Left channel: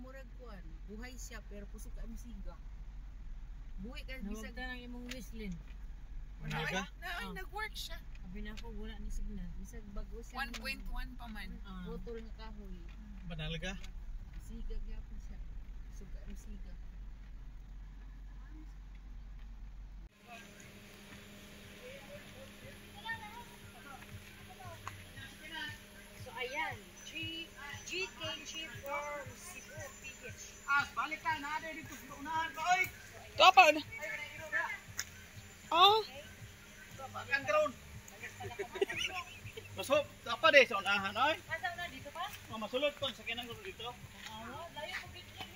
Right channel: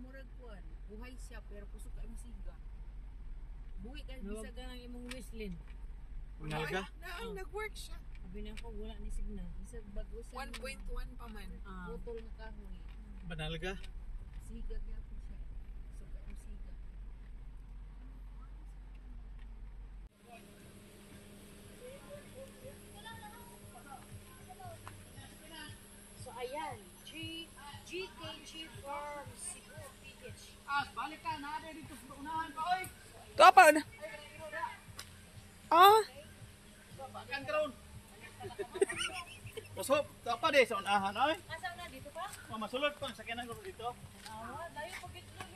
murag kuan. Buhay siya pero kusog ka imong siga. Buhay ka bisag nang imong whistling. Manalga? Ay, nag-work siya. Sabi na ako wala ni signal. Bisag bago siya. 1.1 pa man. Putol na kahoy. Manalga? Siga gyapon siya. Kusog ka imong siga. So ayan, GKG from Cebu PH. Balik ka, naada dito sa unahan ka, oy! Kapan? Bakan karon. Masop, apa deh sa unahan, oy? Asa na dito pa? Masulot kon sa kanang dito. Layo ko gid lang.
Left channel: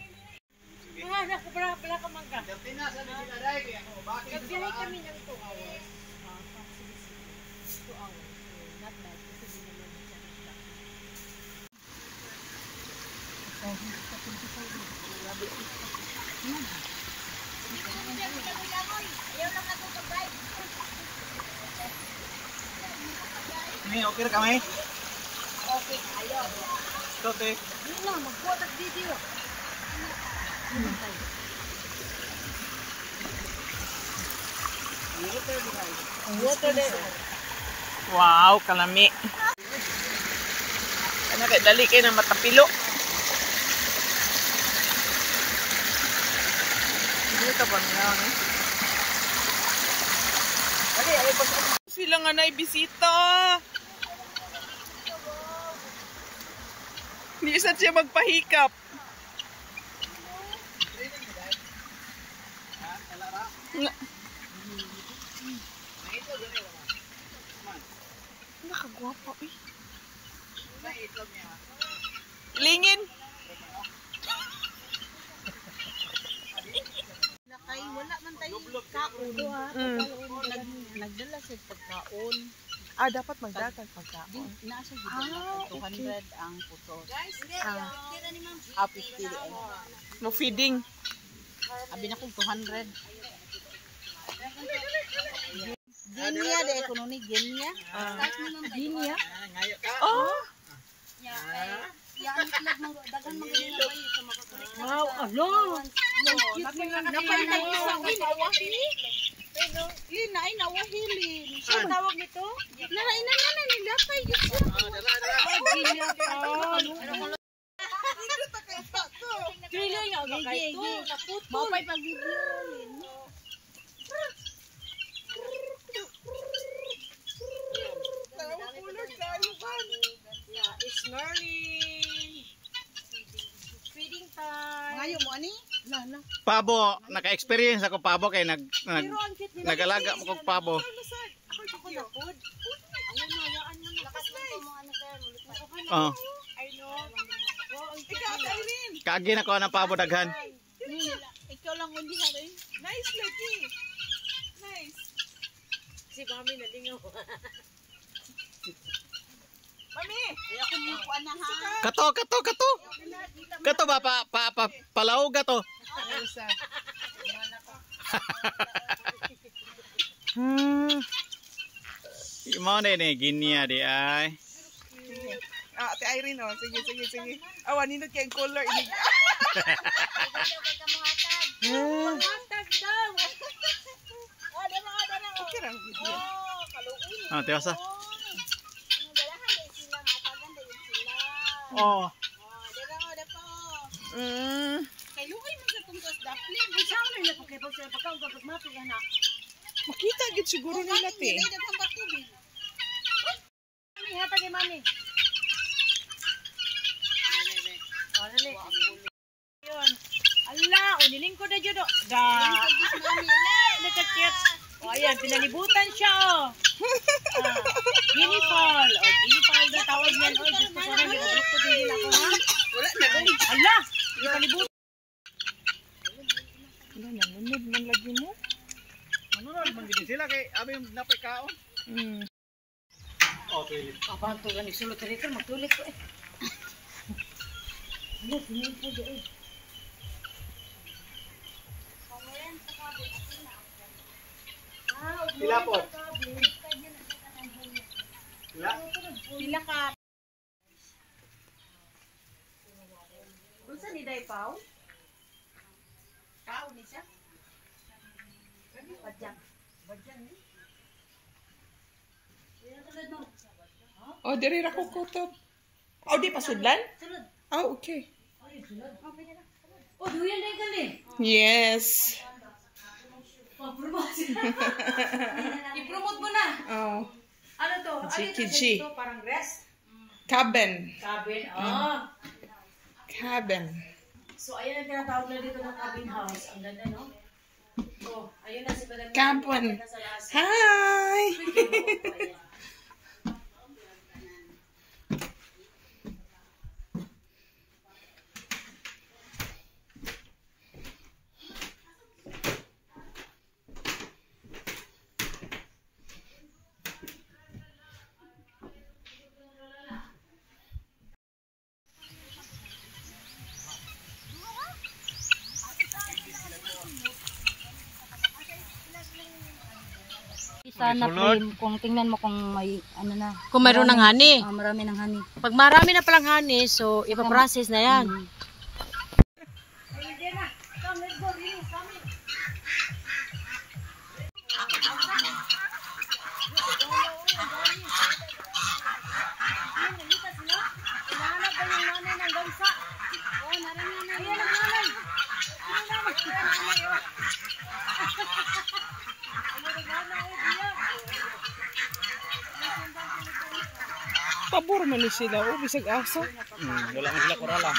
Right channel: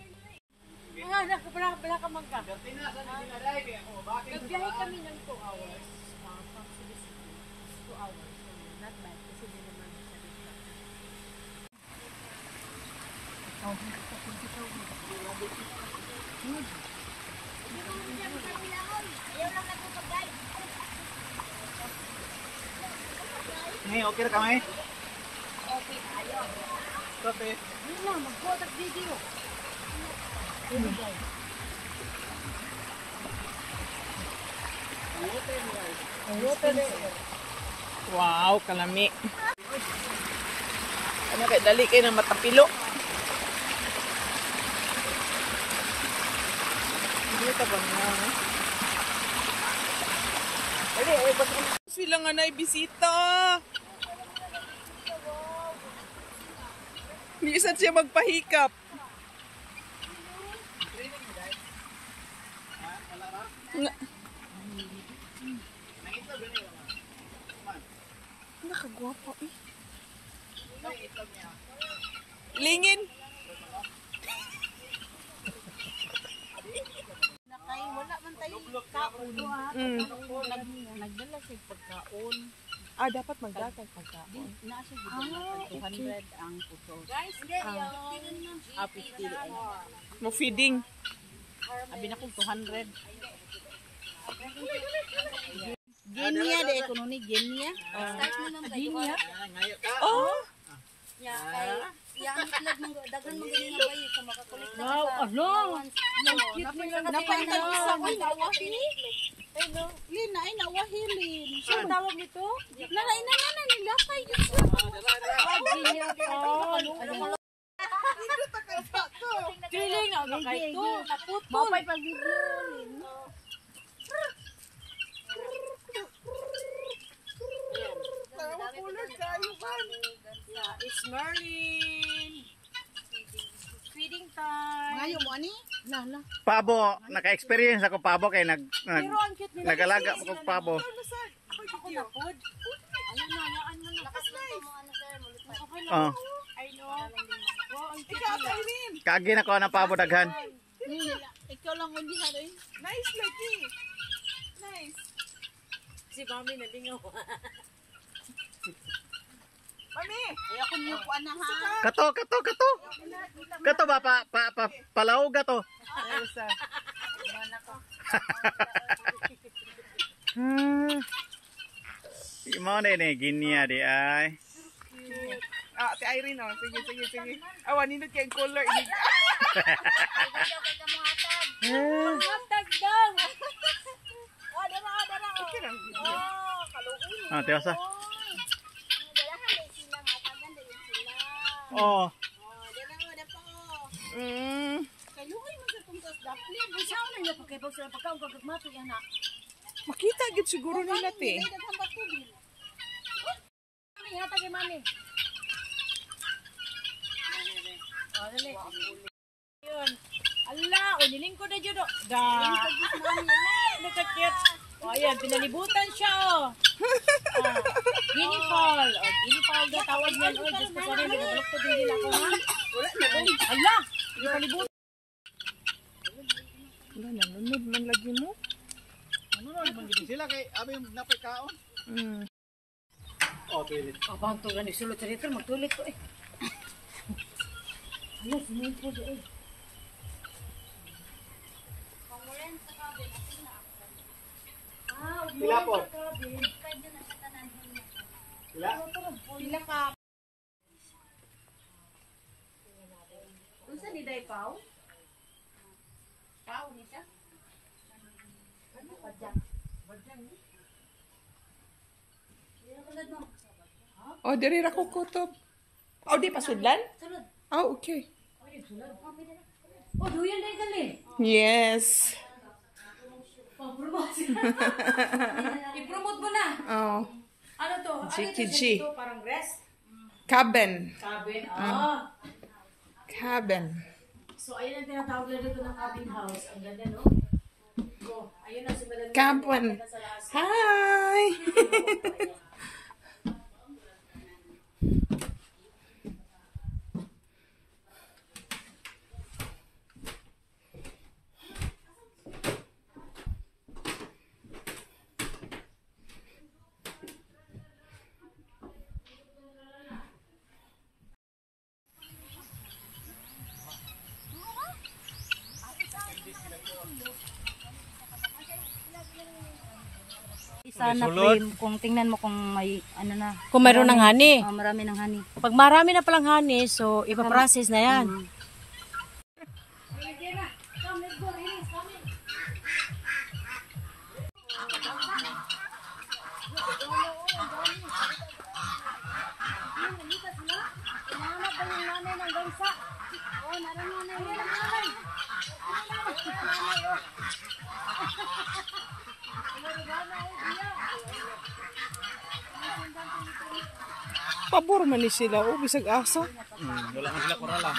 Nako bala ka man ka. Jartina sa Medina dai kay ako. Bakit? Nagbiyahe kami ng 2 hours. From Cebu City. 2 hours. So not bad kasi di naman siya traffic. Nih, oke ra kami. Okay, ayo. Tote. Na, mag-photo video. Wow, kalami. Ano kay dali kay na matapilo. Dito pa na, eh. Dali, sila nga na bisita. Hindi isa siya magpahikap. Nakagwapa eh. Lingin. Nakay wala man tayo kaon. Nagdala siya pagkaon. Dapat magdagan pagkaon. Nasa gid 200 ang putos. Guys, 50 ay. Mo feeding. Abi na kong 200. Genia de ekonomi genia. Genia. Ngayo ka. Oh. Wow, ano? Napay tayo sa nawahili. Lina ay nawahili. Saan tawag nito? Nalaina na nilapay gid siya. Genia ka. Dili na kay to. Mapay pag video. It's Merlin. Feeding time. Ngayon mo ani? Na. Pabo, naka-experience ako pabo kay nagalaga mo kog pabo. Oh. Ikaw, Irene. Kaagi na ko ng pabo daghan. Ikaw lang undi ha rin. Nice lagi. Nice. Si Mami nalingaw. Mami. Ay ako mo po ana ha. Kato. Kato ba palaw gato. Ayusa. Mo na ni ginia di ay. Ate Irene, oh. Sige. Nindot kay color. Hatag daw. Dara. Okay lang. Ah, tiwasa. Oh. Kaluoy man sa tungkos daplin. Sa ano na pagkipag sa pagkaon pag mato yan na. Makita gid siguro nila te. Daghang batubil. Mami hatag kay Mami. Dali. Yun. Ala, nilingkod na jud. Lingkod gid Mami la. Nakakit. Ayan, pinalibutan siya oh. Guinea fowl. Guinea fowl na tawag niyan. Oy, just pa sana nilingkod din ako ha. Wala na dong. Ala, pinalibutan. Wala na, lunod man lagi mo. Ano man gid sila kay abi napay kaon. Okay. Abang to ganing sulod rito magtulik ko eh. Ano sinin ko do eh. Pila po? Pila ka. Unsa ni Day Pau? Tao ni siya. Badjang. Badjang ni. Oh, diri ra ko kutob. Oh, di pasudlan? Sulod. Oh, okay. Ay, sulod. Oh, duyan din kali. Yes. Pag-promote. I-promote mo na. Oh, Ano to? Jiki-G. Ito, parang rest. cabin. Cabin. Oh. Cabin. So, ayun ang tinatawag na dito ng cabin house. Ang ganda, no? Oh, ayun na si Madam. Cabin. Nasa laas. Hi. Sana frame kung tingnan mo kung may ano na. Kung mayroon ng honey. Marami ng honey. Pag marami na palang honey, so ipaprocess na yan. Pabor man ni sila. Oh, bisag asa. Wala na sila kurala.